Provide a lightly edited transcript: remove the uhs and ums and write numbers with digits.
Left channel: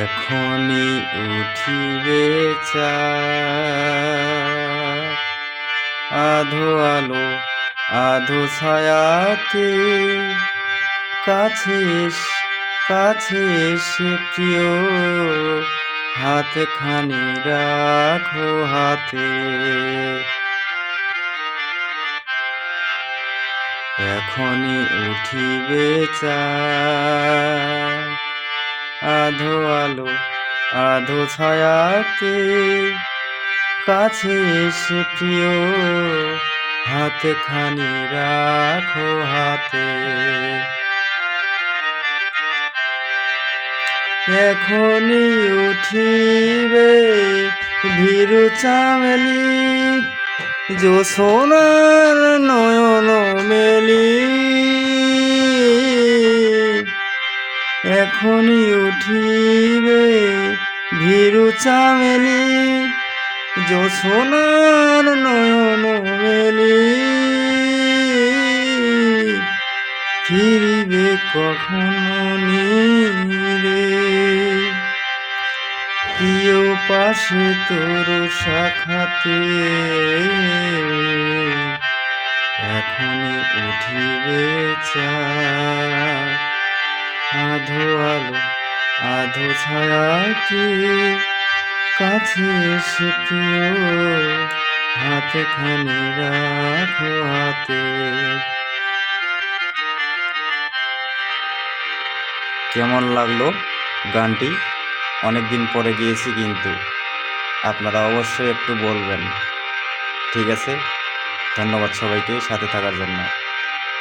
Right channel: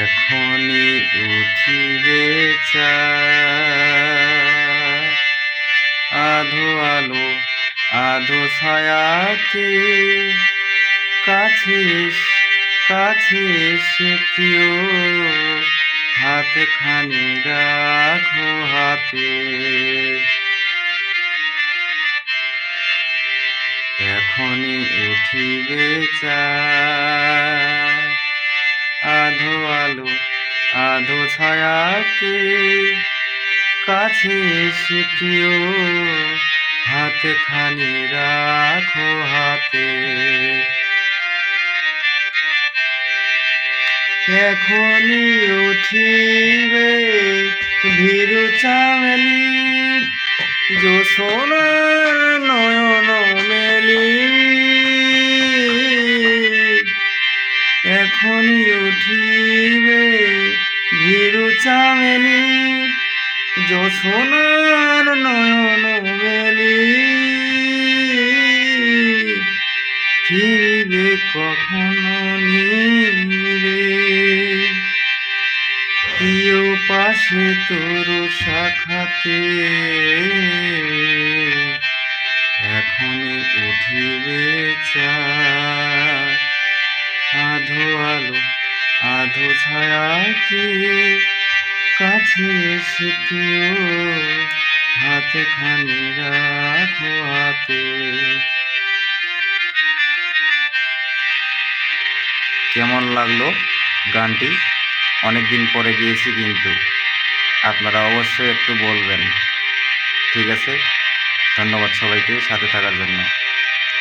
এখনি উঠিবে চাঁদ, আধো আলো আধো ছায়াতে, কাছে কাছে এসে প্রিয় হাতে খানি রাখো হাতে। এখনি উঠিবে চাঁদ, আধো আলো আধো ছায়াতে, কাছে এসে প্রিয় হাতে খানি রাখো হাতে। এখনি উঠিবে ভীরু চামেলি, জোছনার নয়ন মেলি। এখনি উঠিবে ভীরু চামেলি, জোছনার নয়ন মেলি। ফিরিবে কখনো নীরে, প্রিয় পাশে তোর শাখাতে। এখনি উঠিবে চাঁদ, আধো আলো আধো ছায়াতে, কাছে এসে প্রিয় হাতে খানি রাখো হাতে। কেমন লাগলো গানটি? অনেকদিন পরে গিয়েছি, কিন্তু আপনারা অবশ্যই একটু বলবেন। ঠিক আছে, ধন্যবাদ সবাইকে সাথে থাকার জন্য।